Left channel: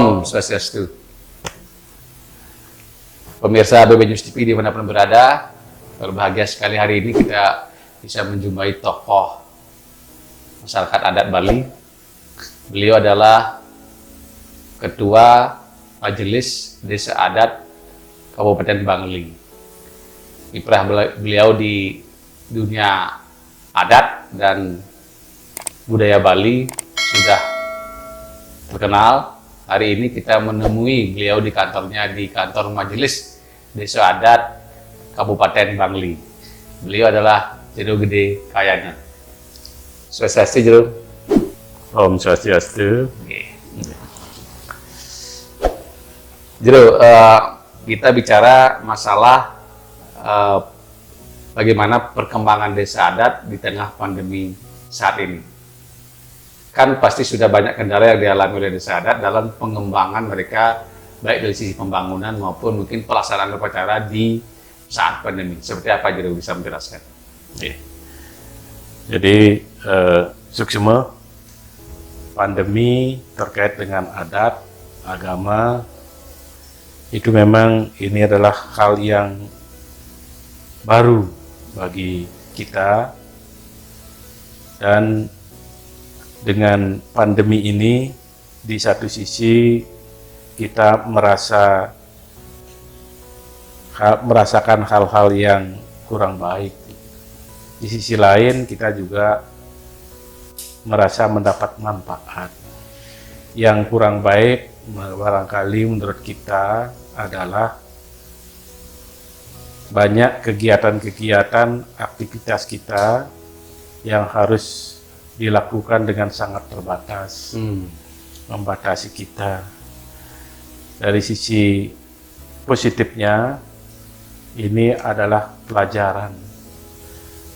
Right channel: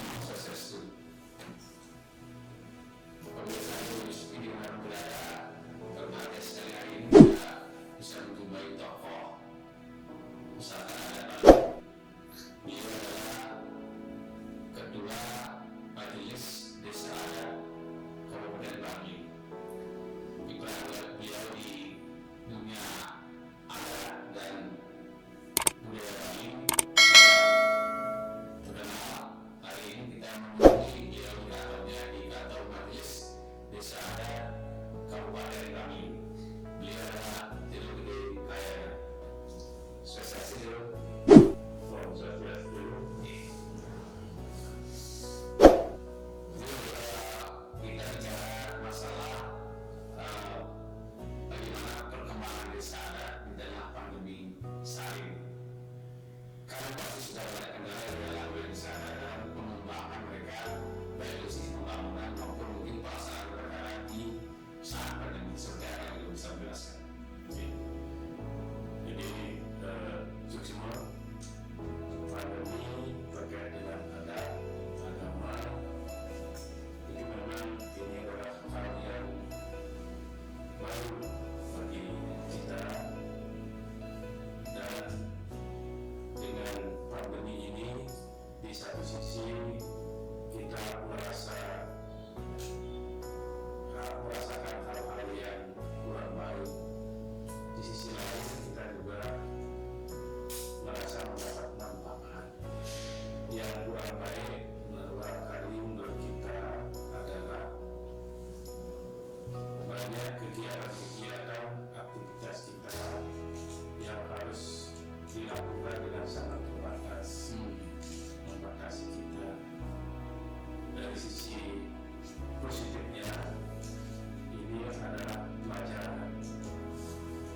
Om Swastiastu. Pemirsa BB News TV dimanapun berada, berbahagia sekali hari ini kita bisa menjumpai tokoh masyarakat adat Bali. Beliau adalah Ketua Majelis Desa Adat Kabupaten Bangli. Kiprah beliau di dunia adat dan budaya Bali sudah terkenal. Hari ini kita menemui beliau di kantornya, di kantor Majelis Desa Adat Kabupaten Bangli. Beliau adalah Jero Gede Kayanya. Swastiastu, Jero. Om Swastiastu. Jero, kita bicara masalah bagaimana perkembangan desa adat di tengah pandemi saat ini. Kan pasti sudah banyak kendala yang dialami oleh desa adat dalam pengembangan mereka, baik dari sisi pembangunan maupun mungkin pelaksanaan upacara di saat pandemi. Seperti apa, Jero, bisa menjelaskan? Oke. Jadi, suksma pandemi terkait dengan adat, agama, itu memang ini adalah hal yang baru bagi kita, dan dengan pandemi ini di satu sisi kita merasakan hal-hal yang kurang baik, di sisi lain kita juga merasa mendapat manfaat. Yang kurang baik barangkali menurut kita adalah banyak kegiatan-kegiatan aktivitas kita yang harus dilakukan dengan sangat terbatas, membatasi kita. Dari sisi positifnya, ini adalah pelajaran.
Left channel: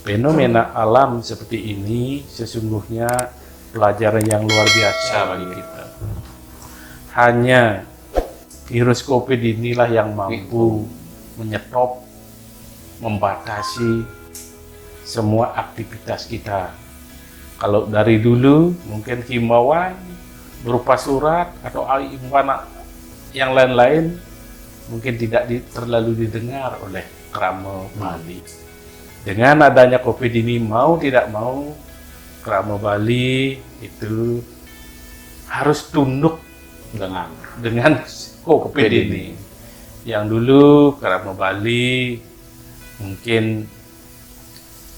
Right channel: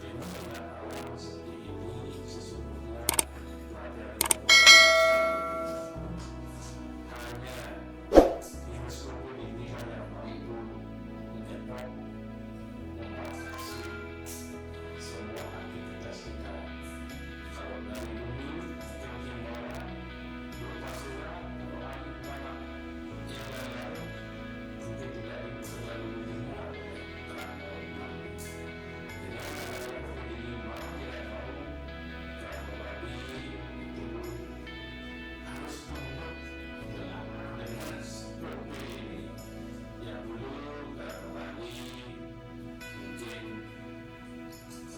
Fenomena alam seperti ini sesungguhnya pelajaran yang luar biasa bagi kita. Hanya virus COVID inilah yang mampu menyetop, membatasi semua aktivitas kita. Kalau dari dulu mungkin himbauan berupa surat atau himbauan yang lain-lain mungkin tidak terlalu didengar oleh Krama Bali. Dengan adanya COVID ini, mau tidak mau Krama Bali itu harus tunduk dengan COVID ini. Yang dulu Krama Bali mungkin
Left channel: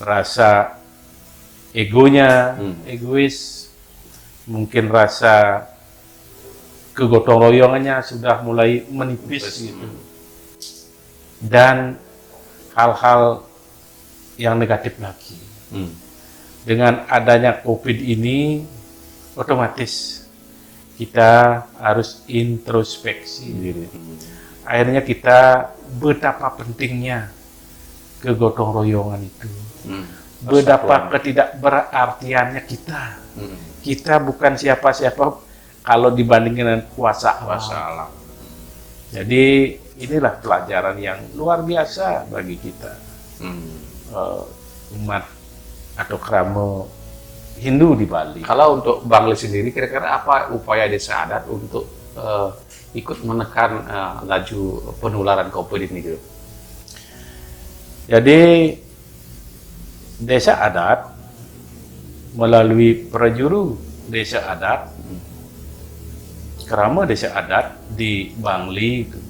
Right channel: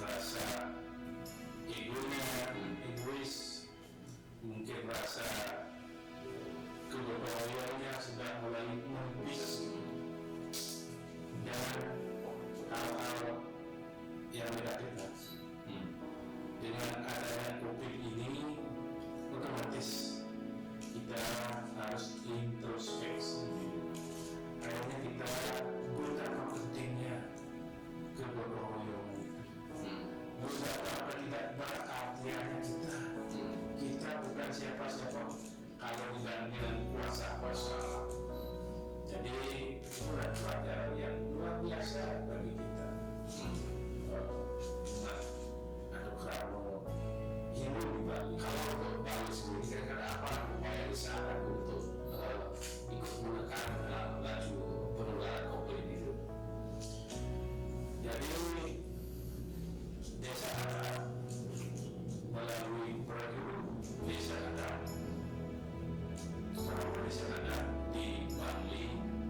rasa egonya, egois, mungkin rasa kegotong royongannya sudah mulai menipis gitu. Dan hal-hal yang negatif lagi. Dengan adanya COVID ini, otomatis kita harus introspeksi diri. Akhirnya kita betapa pentingnya kegotong royongan itu. Betapa ketidakberartiannya kita. Kita bukan siapa-siapa kalau dibandingkan dengan kuasa alam. Jadi inilah pelajaran yang luar biasa bagi kita, umat atau Krama Hindu di Bali. Kalau untuk Bangli sendiri, kira-kira apa upaya desa adat untuk ikut menekan laju penularan COVID ini, Jero? Jadi desa adat melalui prajuru desa adat, Krama desa adat di Bangli itu,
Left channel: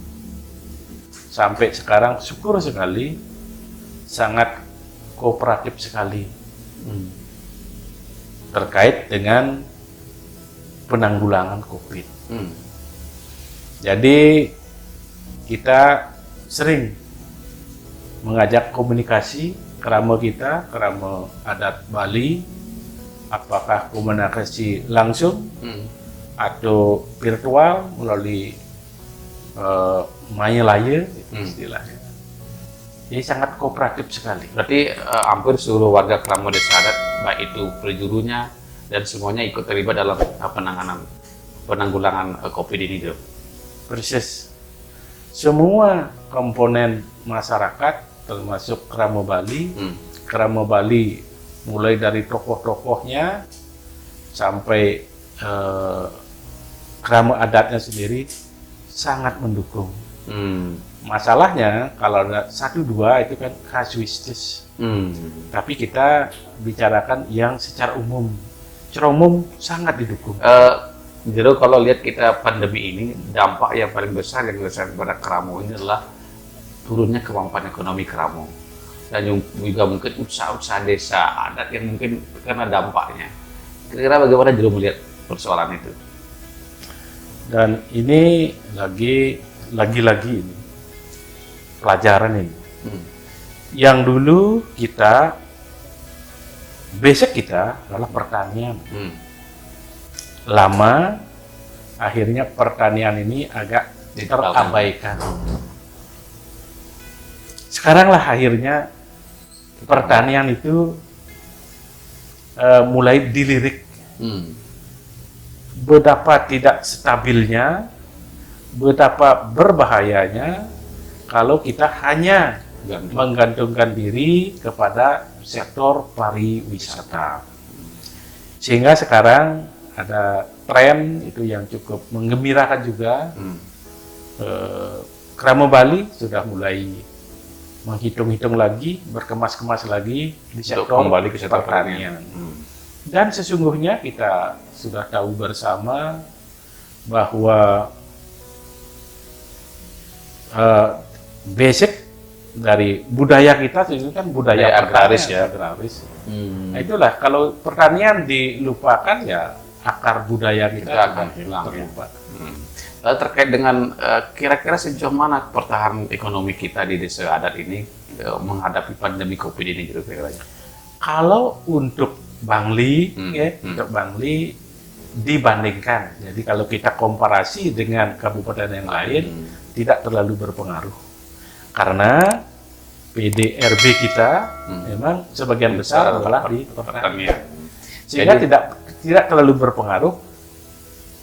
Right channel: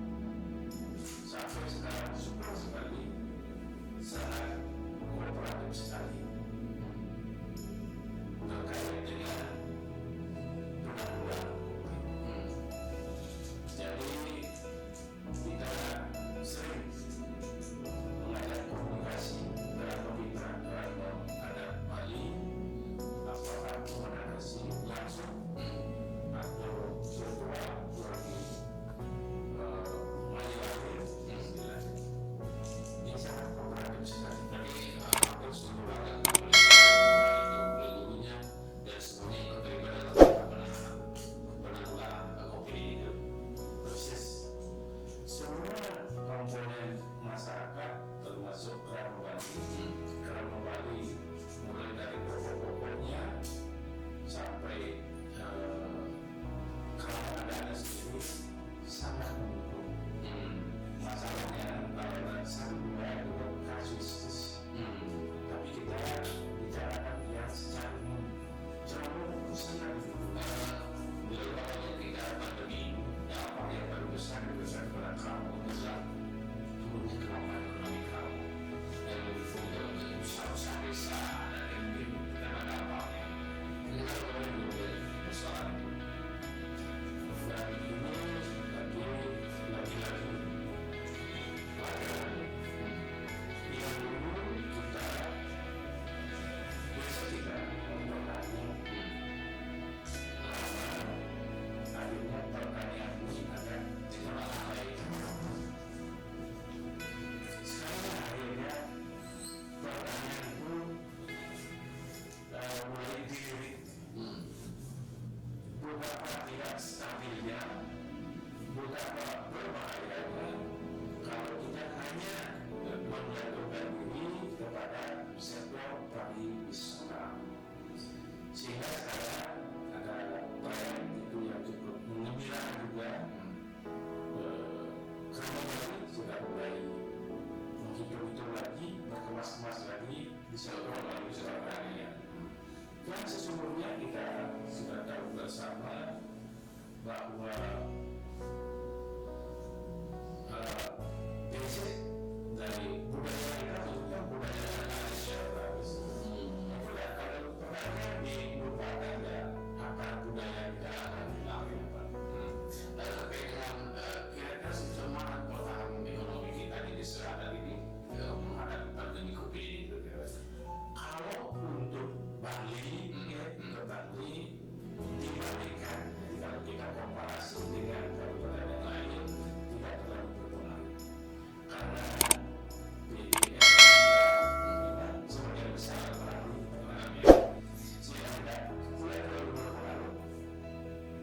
sampai sekarang syukur sekali sangat kooperatif sekali terkait dengan penanggulangan COVID. Jadi kita sering mengajak komunikasi Krama kita, Krama adat Bali, apakah komunikasi langsung atau virtual melalui maya laya istilahnya. Jadi sangat kooperatif sekali. Berarti hampir seluruh warga Krama desa adat, baik itu perjurunya dan semuanya ikut terlibat dalam penanggulangan COVID ini, Jero? Persis. Semua komponen masyarakat termasuk Krama Bali. Krama Bali mulai dari tokoh-tokohnya sampai Krama adatnya sendiri sangat mendukung. Hmm. Masalahnya kalau ada 1-2 itu kan kasuistis. Tapi kita bicarakan yang secara umum. Secara umum sangat didukung. Jadi kalau lihat kita pandemi ini, dampak yang paling besar yang dirasakan kepada Keramo ini adalah turunnya kemampuan ekonomi Keramo. Dan juga mungkin usaha-usaha desa adat yang mungkin kena dampaknya. Kira-kira bagaimana Jero melihat persoalan itu? Dan ini lagi-lagi pelajaran ini. Yang dulu kita, basic kita adalah pertanian. Lama, akhirnya pertanian ini agak terabaikan. Sekarang lah akhirnya pertanian itu mulai dilirik. Betapa tidak stabilnya, betapa berbahayanya kalau kita hanya menggantungkan diri kepada sektor pariwisata. Sehingga sekarang ada tren itu yang cukup menggembirakan juga. Krama Bali sudah mulai menghitung-hitung lagi, berkemas-kemas lagi di sektor kembali ke sektor pertanian. Dan sesungguhnya kita sudah tahu bersama bahwa basic dari budaya kita itu kan budaya agraris ya, agraris. Nah, itulah kalau pertanian dilupakan ya akar budaya kita akan hilang. Lalu terkait dengan kira-kira sejauh mana pertahanan ekonomi kita di desa adat ini menghadapi pandemi COVID ini kira-kira? Kalau untuk Bangli, untuk Bangli dibandingkan, jadi kalau kita komparasi dengan kabupaten yang lain tidak terlalu berpengaruh karena PDRB kita memang sebagian besar adalah di pertanian, sehingga tidak terlalu berpengaruh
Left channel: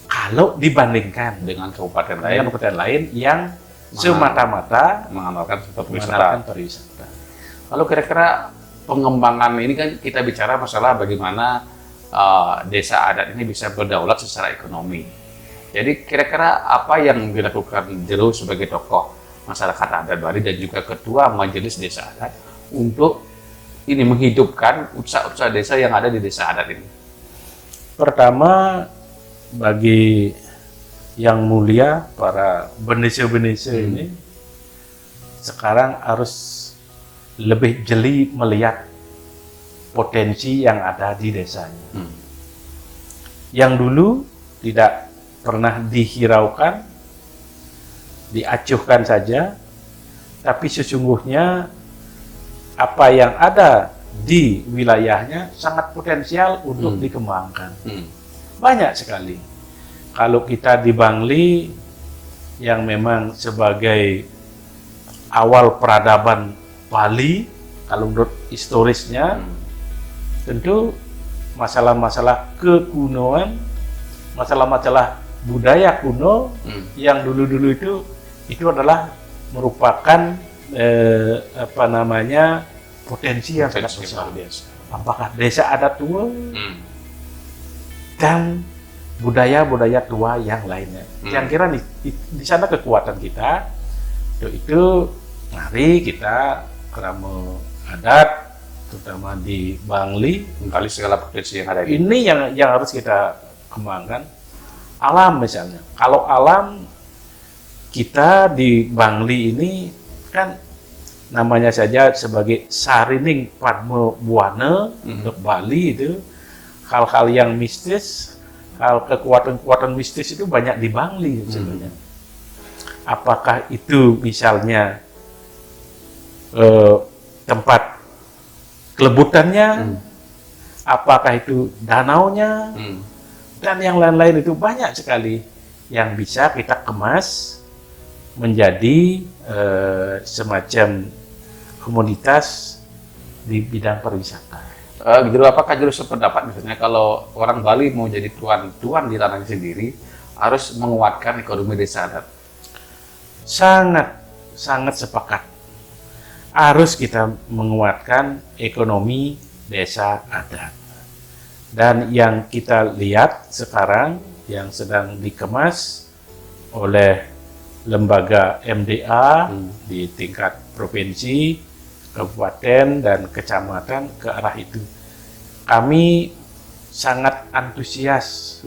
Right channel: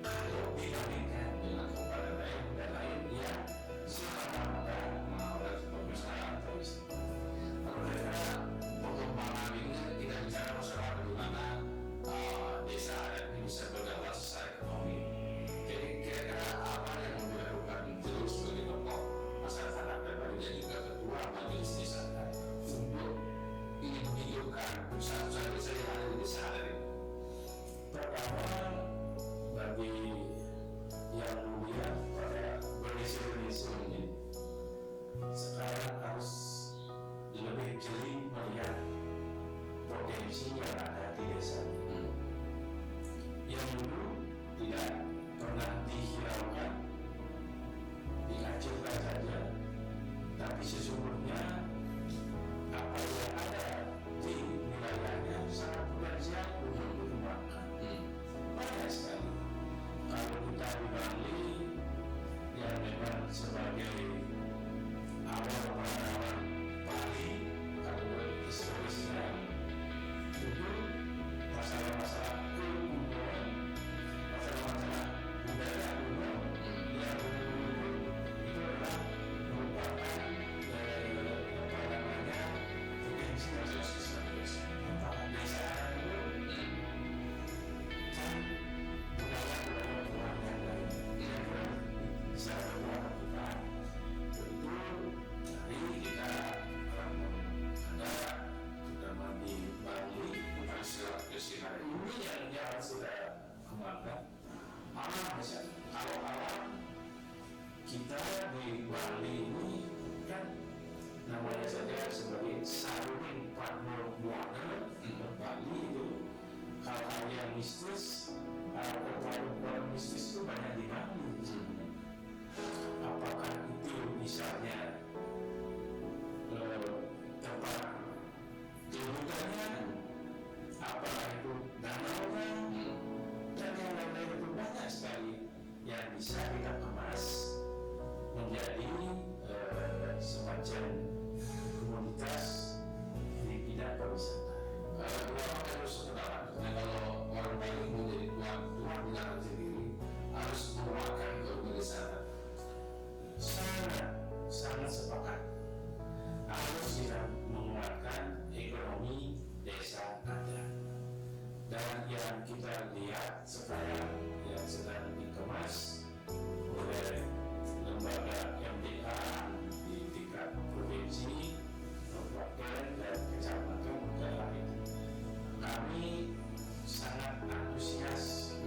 kalau dibandingkan dengan kabupaten lain yang semata-mata mengandalkan pariwisata. Lalu kira-kira pengembangan ini kan kita bicara masalah bagaimana desa adat ini bisa berdaulat secara ekonomi. Jadi kira-kira apa yang dilakukan Jero sebagai tokoh masyarakat adat Bali dan juga ketua majelis desa adat untuk ini menghidupkan usaha-usaha desa yang ada di desa adat ini? Pertama, bagi yang mulia para benese-benese ini sekarang harus lebih jeli melihat potensi yang ada di desanya. Yang dulu tidak pernah dihiraukan, diacuhkan saja, tapi sesungguhnya apa yang ada di wilayahnya sangat potensial untuk dikembangkan. Banyak sekali. Kalau kita di Bangli yang memang sebagai awal peradaban Bali, kalau menurut historisnya, tentu masalah-masalah kekunoan, masalah-masalah budaya kuno yang dulu-dulu itu adalah merupakan potensi yang sangat besar. Apakah desa adat tua dan budaya-budaya tua yang lainnya. Yang kira di sana kekuatan kita itu mari kita Krama adat, terutama di Bangli, kembali segala potensi yang ada ini yang harus kita kembangkan. Alam misalnya, kalau alam kita di Bangli ini kan namanya saja sebagai Sarining Padma Buana untuk Bali itu, hal-hal yang mistis, hal kekuatan-kekuatan mistis itu banyak di Bangli sebenarnya. Apakah itu misalnya tempat kelebutannya, apakah itu danaunya, dan yang lain-lain itu banyak sekali yang bisa kita kemas menjadi semacam komoditas di bidang pariwisata. Gitu, apakah Jero sependapat misalnya kalau orang Bali mau jadi tuan di tanahnya sendiri harus menguatkan ekonomi desa adat? Sangat sepakat. Harus kita menguatkan ekonomi desa adat. Dan yang kita lihat sekarang yang sedang dikemas oleh lembaga MDA di tingkat provinsi, kabupaten, dan kecamatan ke arah itu. Kami sangat antusias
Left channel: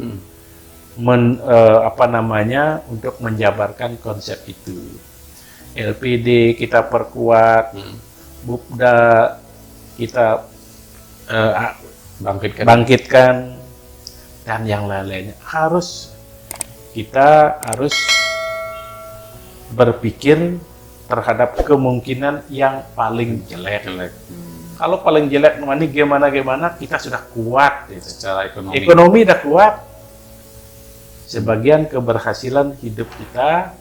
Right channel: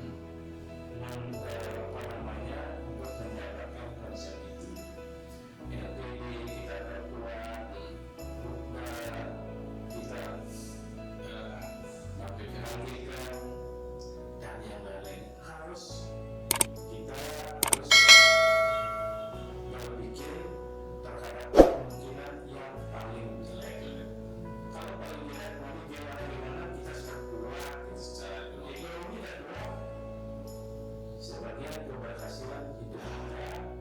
untuk menjabarkan konsep itu. LPD kita perkuat, Bukda kita bangkitkan, dan yang lain-lainnya. Kita harus berpikir terhadap kemungkinan yang paling jelek. Kalau paling jelek ini gimana kita sudah kuat Secara ekonomi. Ekonomi udah kuat. Sebagian keberhasilan hidup kita,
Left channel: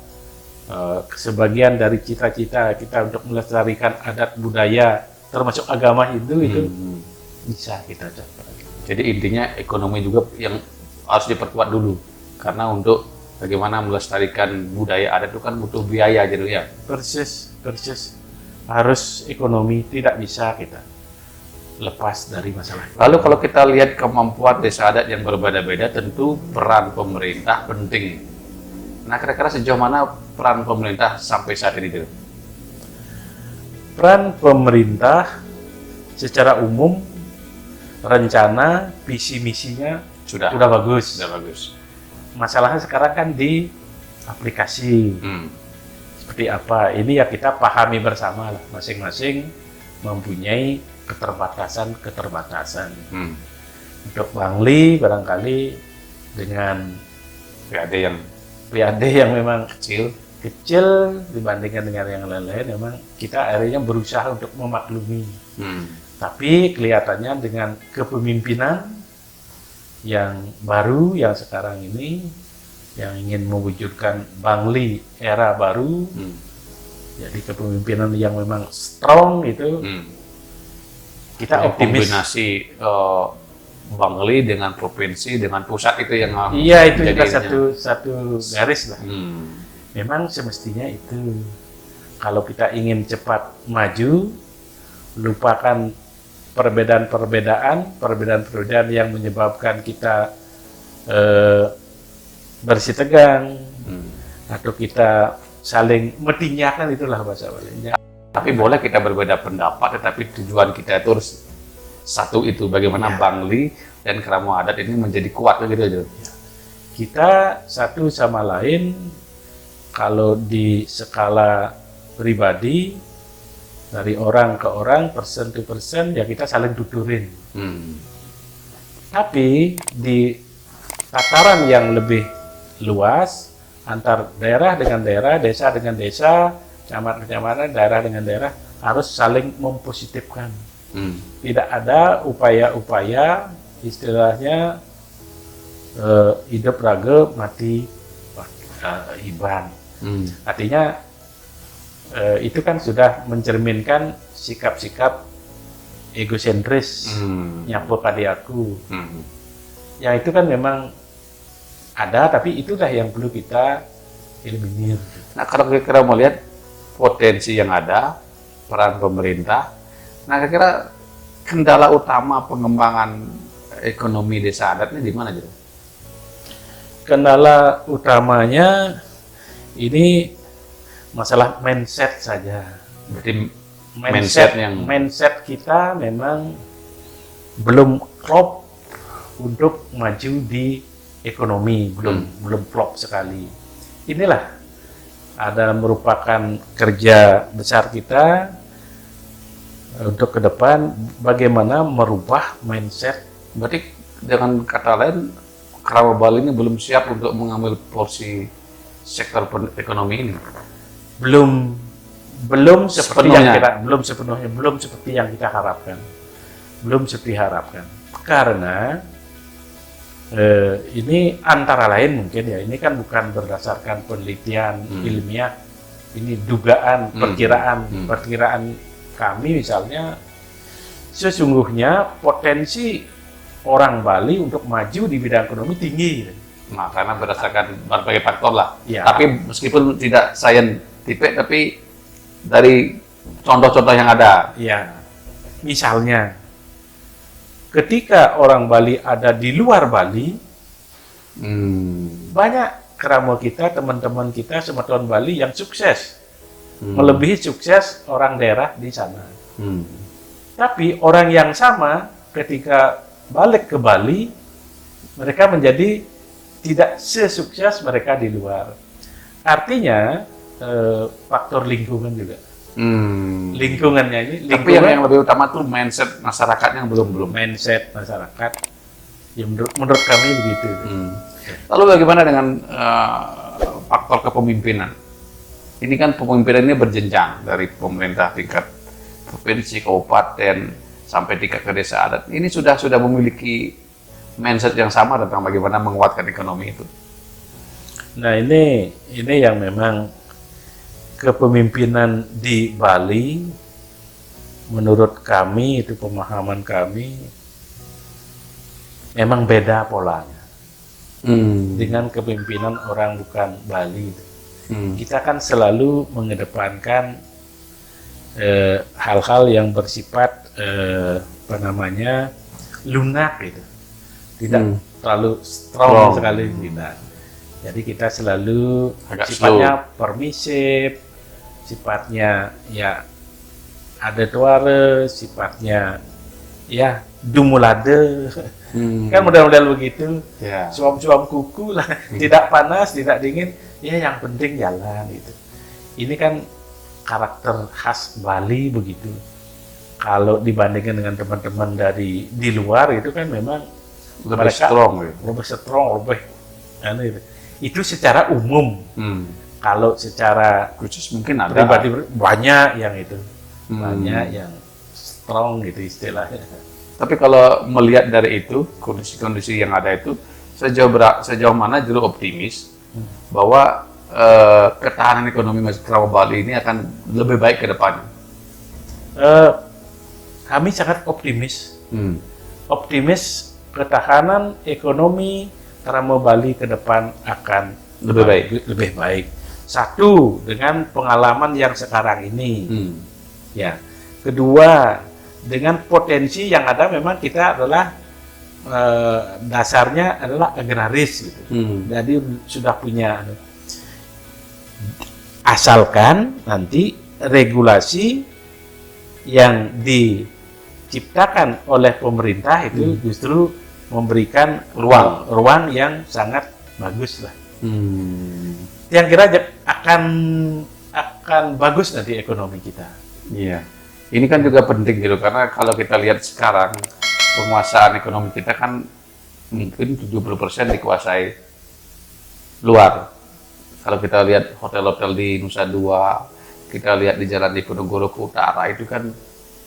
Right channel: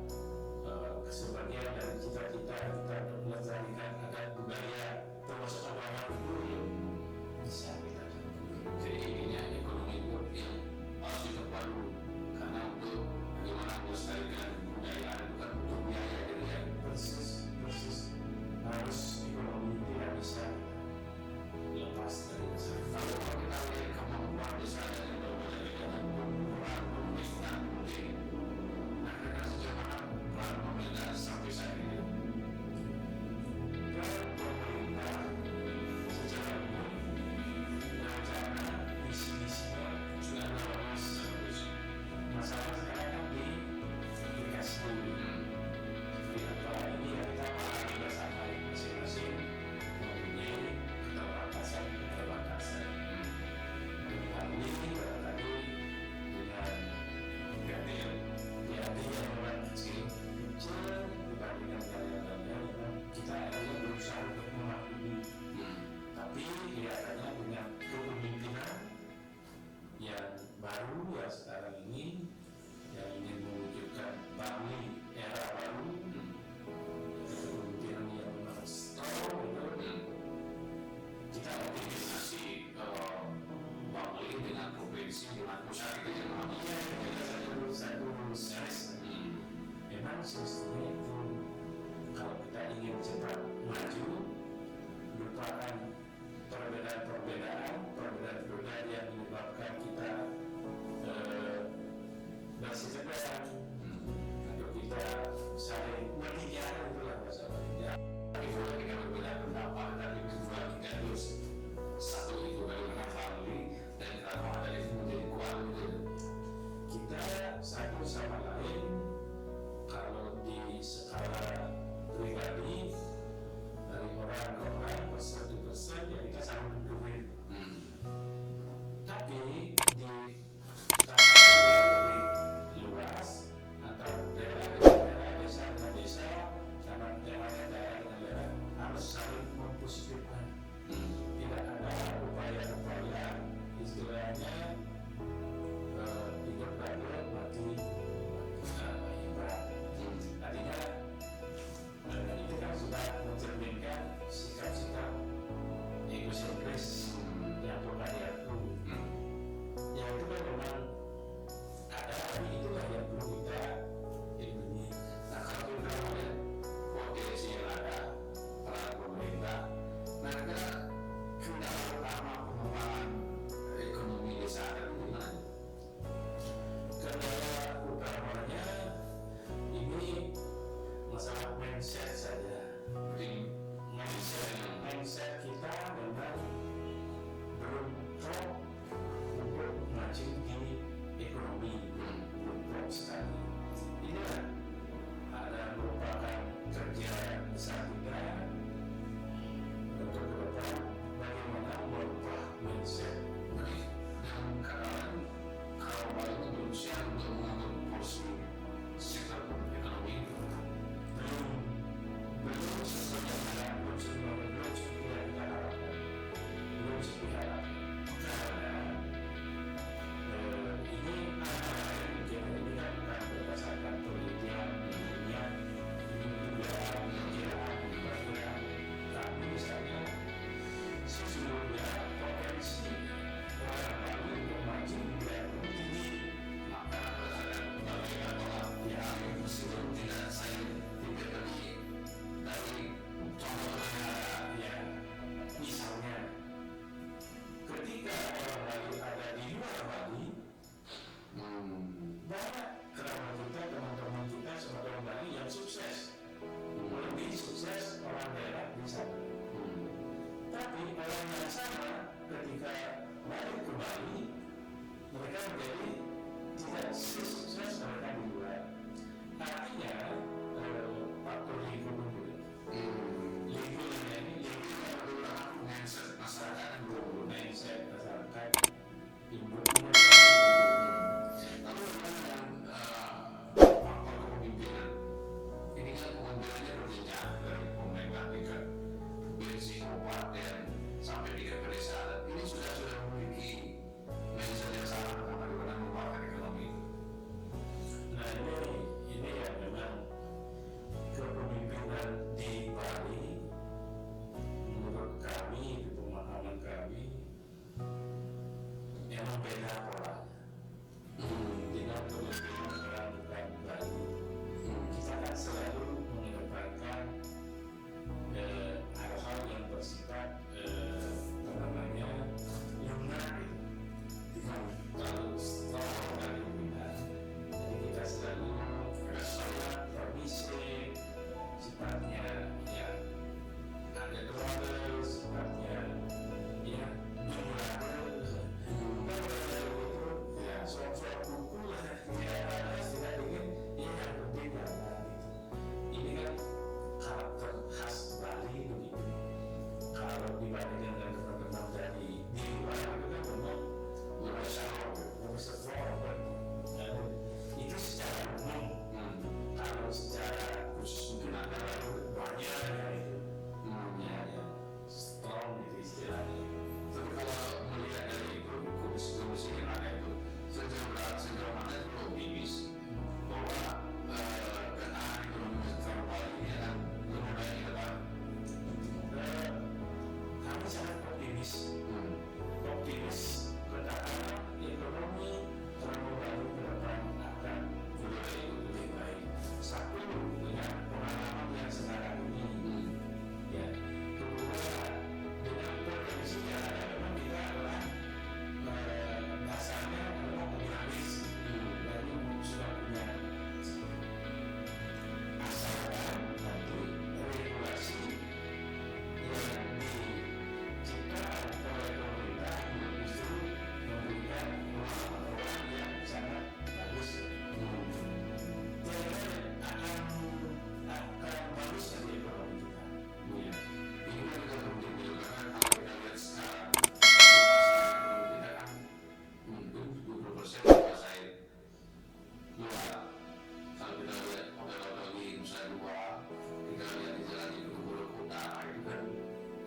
sebagian dari cita-cita kita untuk melestarikan adat budaya, termasuk agama itu bisa kita capai. Jadi intinya ekonomi juga yang harus diperkuat dulu. Karena untuk bagaimana melestarikan budaya adat itu kan butuh biaya gitu ya. Persis. Harus ekonomi, tidak bisa kita lepas dari masalah. Lalu kalau kita lihat kemampuan desa adat yang berbeda-beda, tentu peran pemerintah penting. Nah, kira-kira sejauh mana peran pemerintah sampai saat ini? Peran pemerintah secara umum, rencana, visi misinya sudah bagus. Masalahnya sekarang kan di aplikasi. Seperti apa? Ini ya kita pahami bersama lah. Masing-masing mempunyai keterbatasan. Untuk Bangli barangkali dengan PAD yang memang kecil dibandingkan dengan yang lain-lain, memang kita akhirnya berusaha untuk memaklumi. Tapi kelihatannya dengan kepemimpinan yang baru yang sekarang ini, yang ingin mewujudkan Bangli era baru, jadi kepemimpinan yang memang strong itu, kita optimis. Kombinasi Bangli dengan provinsi dengan pusat itu yang Iya, itu juga satu garis lah. Memang semestinya itu. Kalau kita ingin cepat maju, lupakan perbedaan yang menyebabkan kita bersitegang atau kita saling metinyakan, itulah bahasa Balinya. Tapi boleh kita berbeda pendapat, tetapi tujuan kita itu harus satu itu. Bagaimana Bangli dan Kerama Adat ini menjadi kuat gitu aja. Kita satu sama lain, kalau di skala pribadi, dari orang ke orang, person to person, ya kita saling tuturin. Tapi di tataran yang lebih luas, antar daerah dengan daerah, desa dengan desa, kecamatan, daerah dengan daerah, harus saling mempositifkan. Tidak ada upaya-upaya, istilahnya hidup raga mati hiban. Artinya itu kan sudah mencerminkan sikap-sikap egosentris, nyapu kadi aku. Yang itu kan memang ada, tapi itulah yang perlu kita eliminir. Nah, kalau kira-kira melihat potensi yang ada, peran pemerintah, nah kira-kira kendala utama pengembangan ekonomi desa adat ini di mana gitu? Kendala utamanya ini masalah mindset saja. Berarti mindset kita memang belum klop untuk maju di ekonomi, belum klop sekali. Inilah ada merupakan kerja besar kita untuk ke depan, bagaimana merubah mindset. Berarti dengan kata lain, Kerama Bali ini belum siap untuk mengambil porsi sektor ekonomi ini. Belum seperti Sepenuhnya. belum seperti yang kita harapkan. Karena ini antara lain mungkin ya, ini kan bukan berdasarkan penelitian ilmiah, ini dugaan, perkiraan kami misalnya, sesungguhnya potensi orang Bali untuk maju di bidang ekonomi tinggi. Nah, karena berdasarkan berbagai faktor lah. Ya. Tapi meskipun tidak scientific, tapi dari contoh-contoh yang ada. Ya, misalnya ketika orang Bali ada di luar Bali, Banyak keramo kita, teman-teman kita Semeton Bali yang sukses, melebihi sukses orang daerah di sana. Tapi orang yang sama ketika balik ke Bali, mereka menjadi tidak sesukses mereka di luar. Artinya faktor lingkungan juga. Lingkungannya ini, Tapi yang lebih utama tuh mindset masyarakatnya yang belum. Mindset masyarakat. Ya menurut kami begitu. Lalu bagaimana dengan faktor kepemimpinan? Ini kan kepemimpinan ini berjenjang dari pemerintah tingkat provinsi, kabupaten, sampai tingkat ke desa adat. Ini sudah memiliki mindset yang sama tentang bagaimana menguatkan ekonomi itu. Nah ini yang memang kepemimpinan di Bali, menurut kami itu pemahaman kami emang beda polanya dengan kepemimpinan orang bukan Bali. Kita kan selalu mengedepankan hal-hal yang bersifat lunak gitu, tidak terlalu strong sekali tidak. Jadi kita selalu agak sifatnya permisif, sifatnya ya adetuare, sifatnya ya dumulade. Kan model-model begitu, suam-suam kuku lah, tidak panas, tidak dingin, ya yang penting jalan itu. Ini kan karakter khas Bali begitu. Kalau dibandingkan dengan teman-teman dari di luar itu kan memang lebih strong, lebih aneh. Itu secara umum. Kalau secara khusus mungkin ada pribadi banyak yang itu, banyak yang strong gitu istilahnya. Tapi kalau melihat dari itu, kondisi-kondisi yang ada itu, sejauh mana Jero optimis bahwa ketahanan ekonomi masyarakat Bali ini akan lebih baik ke depan? Kami sangat optimis. Optimis ketahanan ekonomi Keramo Bali ke depan akan lebih baik. Satu, dengan pengalaman yang sekarang ini. Ya. Kedua, dengan potensi yang ada, memang kita adalah dasarnya adalah agraris gitu. Jadi sudah punya, asalkan nanti regulasi yang diciptakan oleh pemerintah itu justru memberikan ruang yang sangat bagus lah. Yang kira akan bagus nanti ekonomi kita. Iya. Ini kan juga penting gitu, karena kalau kita lihat sekarang penguasaan ekonomi kita kan mungkin 70% dikuasai luar. Kalau kita lihat hotel-hotel di Nusa Dua, kita lihat di Jalan Diponegoro ke utara, itu kan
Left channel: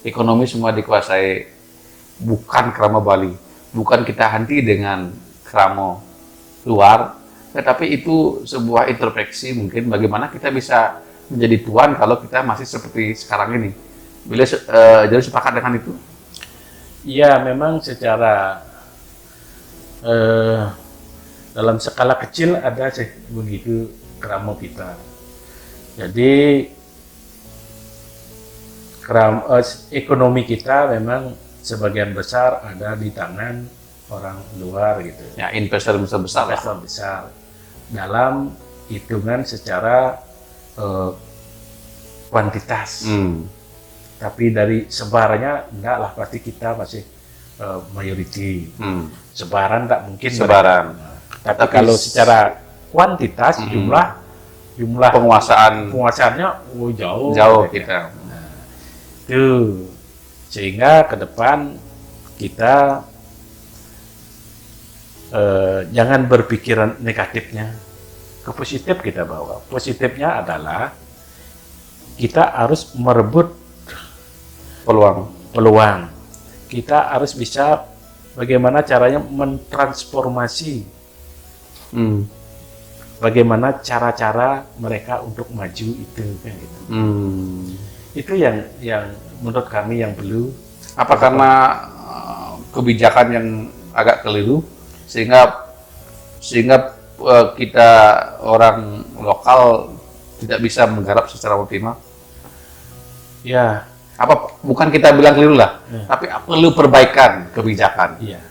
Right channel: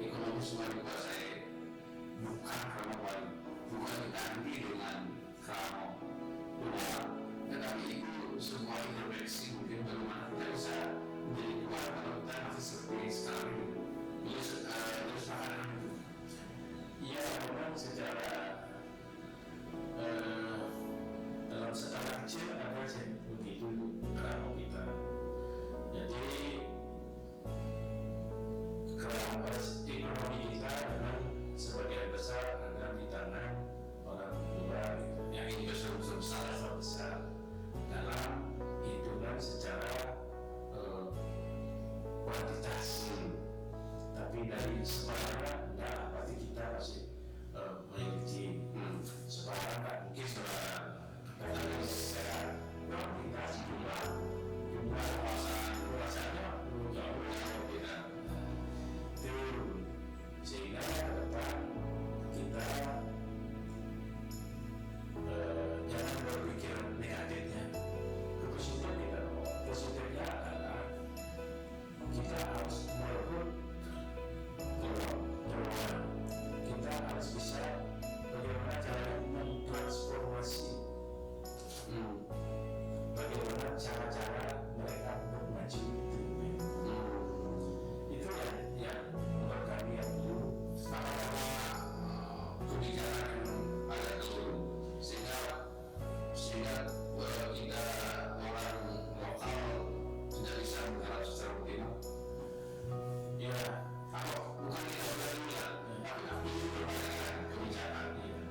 ekonomi semua dikuasai bukan Keramo Bali. Bukan kita henti dengan Keramo luar, tetapi itu sebuah introspeksi mungkin bagaimana kita bisa menjadi tuan kalau kita masih seperti sekarang ini. Bila jadi sepakat dengan itu? Iya, memang secara dalam skala kecil ada sih begitu Keramo kita. Jadi ekonomi kita memang sebagian besar ada di tangan orang luar gitu. Ya, investor besar. Dalam hitungan secara kuantitas. Tapi dari sebarannya enggak lah, pasti kita masih mayoriti. Sebaran tak mungkin. Tapi kalau secara kuantitas jumlah penguasaannya jauh kita. Nah, itu sehingga ke depan kita jangan berpikiran negatifnya, ke positif kita bawa. Positifnya adalah kita harus merebut peluang. Kita harus bisa bagaimana caranya mentransformasi, bagaimana cara-cara mereka untuk maju itu, kan gitu. Itu yang menurut kami yang perlu. Apa karena kebijakan yang agak keliru sehingga kita orang lokal tidak bisa menggarap secara optimal? Ya. Bukan kita bilang keliru lah, tapi perlu perbaikan kebijakan. Iya.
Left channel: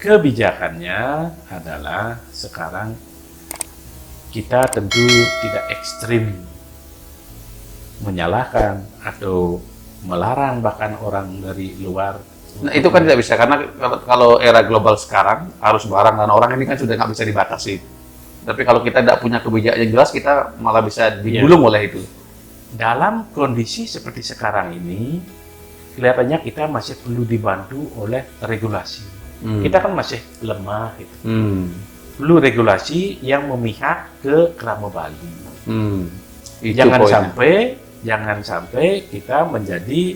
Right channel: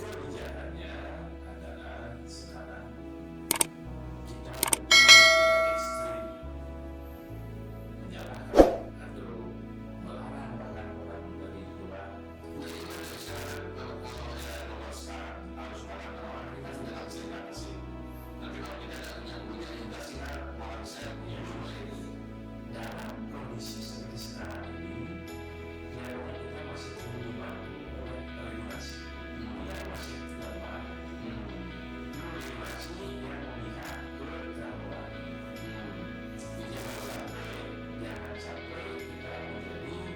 kebijakannya adalah sekarang kita tentu tidak ekstrim menyalahkan atau melarang bahkan orang dari luar. Nah, itu kan tidak bisa karena kalau era global sekarang arus barang dan orang ini kan sudah nggak bisa dibatasi. Tapi kalau kita tidak punya kebijakan yang jelas, kita malah bisa digulung oleh itu. Dalam kondisi seperti sekarang ini, kelihatannya kita masih perlu dibantu oleh regulasi. Kita kan masih lemah. Gitu. Perlu regulasi yang memihak ke Kramo Bali. Jangan sampai kita menjadi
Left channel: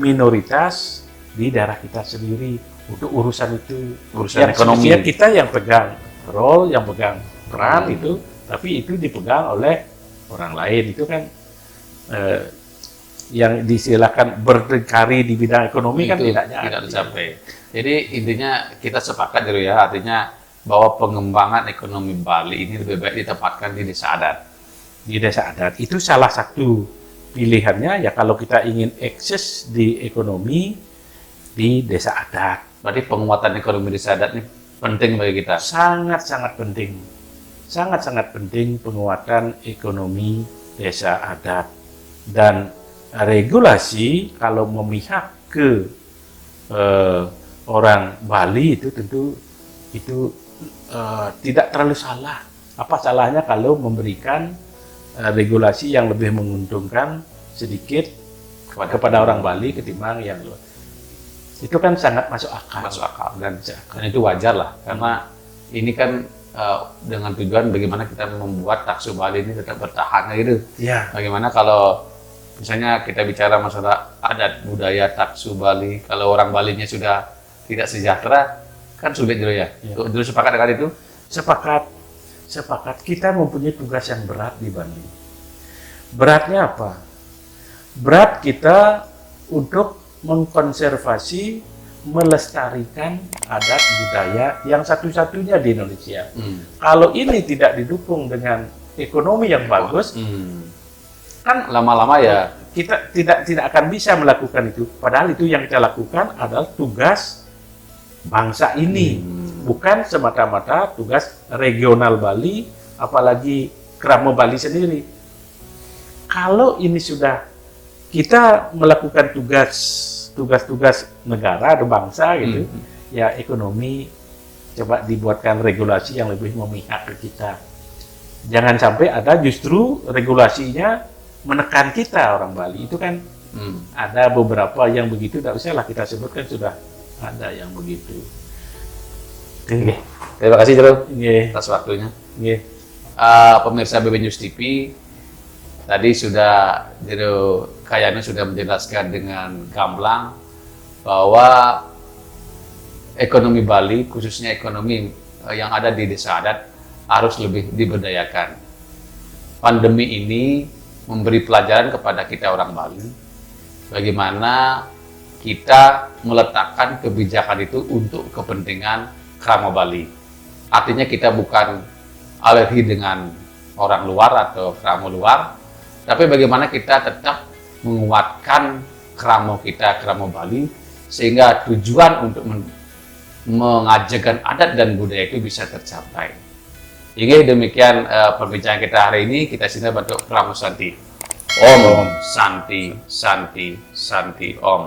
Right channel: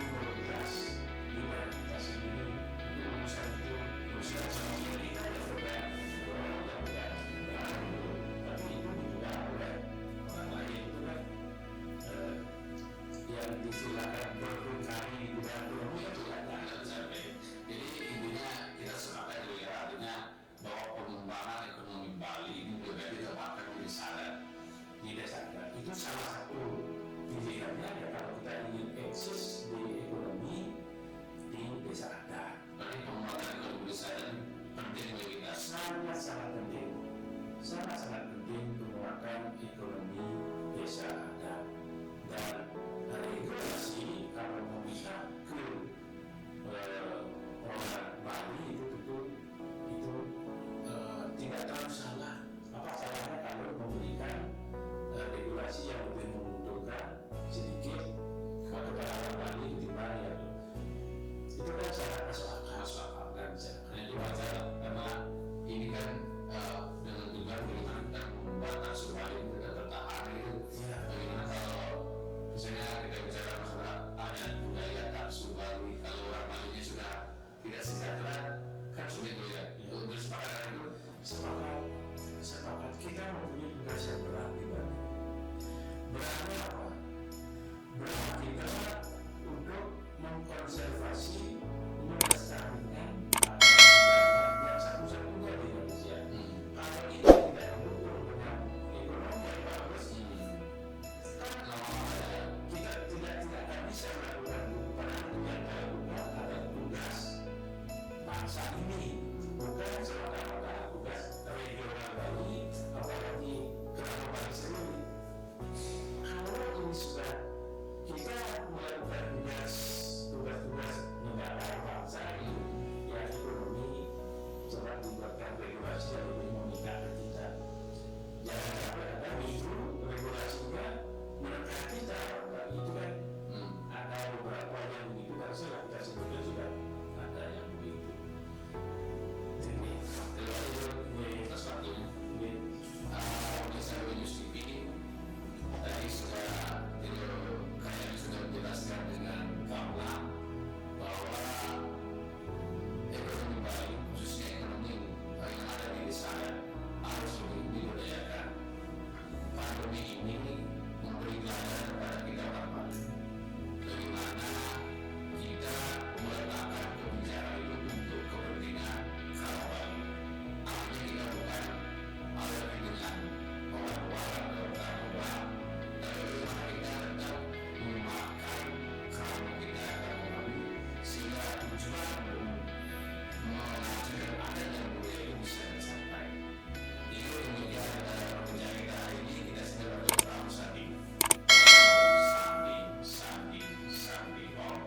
minoritas di daerah kita sendiri untuk urusan itu. Urusan yang ekonomi. Kita yang pegang role, yang pegang peran itu, tapi itu dipegang oleh orang lain. Itu kan yang disilakan berdikari di bidang ekonomi kan tidak tercapai. Jadi intinya kita sepakat dulu ya, artinya bahwa pengembangan ekonomi Bali ini lebih baik ditempatkan di desa adat. Di desa adat itu salah satu pilihannya ya kalau kita ingin eksis di ekonomi di desa adat. Berarti penguatan ekonomi desa adat ini penting bagi kita. Sangat-sangat penting. Sangat-sangat penting penguatan ekonomi desa adat. Dan regulasi kalau memihak ke orang Bali itu tentu itu tidak terlalu salah. Apa salahnya kalau memberikan regulasi yang lebih menguntungkan sedikit kepada orang Bali ketimbang yang luar. Itu kan sangat masuk akal. Dan itu wajar lah karena ini kan dengan tujuan bagaimana kita membuat taksu Bali ini tetap bertahan gitu. Ya. Bagaimana kalau misalnya kita bicara masalah adat budaya taksu Bali, kalau orang Balinya sudah tidak sejahtera kan sulit dulu ya. Dulu sepakat dengan itu? Sepakat. Kita mempunyai tugas yang berat di Bali. Beratnya apa? Berat kita untuk mengkonservasi, melestarikan adat budaya yang satu-satunya di Indonesia. Kalau ini tidak didukung dengan ekonomi yang bagus, kan lama-lama ya kita tidak akan bisa melakukan itu. Padahal itu yang kita lakukan adalah tugas bangsa ini, bukan semata-mata tugas regional Bali, apalagi Kramo Bali sendiri. Kalau ini sudah kita melakukan tugas negara atau bangsa gitu, ya ekonomi coba dibuatkan regulasi yang lebih memihak ke kita. Jangan sampai ada justru regulasinya menekan kita orang Bali. Itu kan ada beberapa yang begitu, tidak usah lah kita sebutkan, sudah ada yang begitu. Oke. Terima kasih Jero atas waktunya. Nggih. Pemirsa BB News TV, tadi sudah Jero Kayano sudah menjelaskan dengan gamblang bahwa ekonomi Bali, khususnya ekonomi yang ada di desa adat, harus lebih diberdayakan. Pandemi ini memberi pelajaran kepada kita orang Bali, bagaimana kita meletakkan kebijakan itu untuk kepentingan Kramo Bali. Artinya kita bukan alergi dengan orang luar atau kramo luar, tapi bagaimana kita tetap menguatkan kramo kita, Kramo Bali, sehingga tujuan untuk mengajarkan adat dan budaya itu bisa tercapai. Hingga demikian perbincangan kita hari ini. Kita sini bentuk Kramo Santi. Om Santi, Santi, Santi, Om.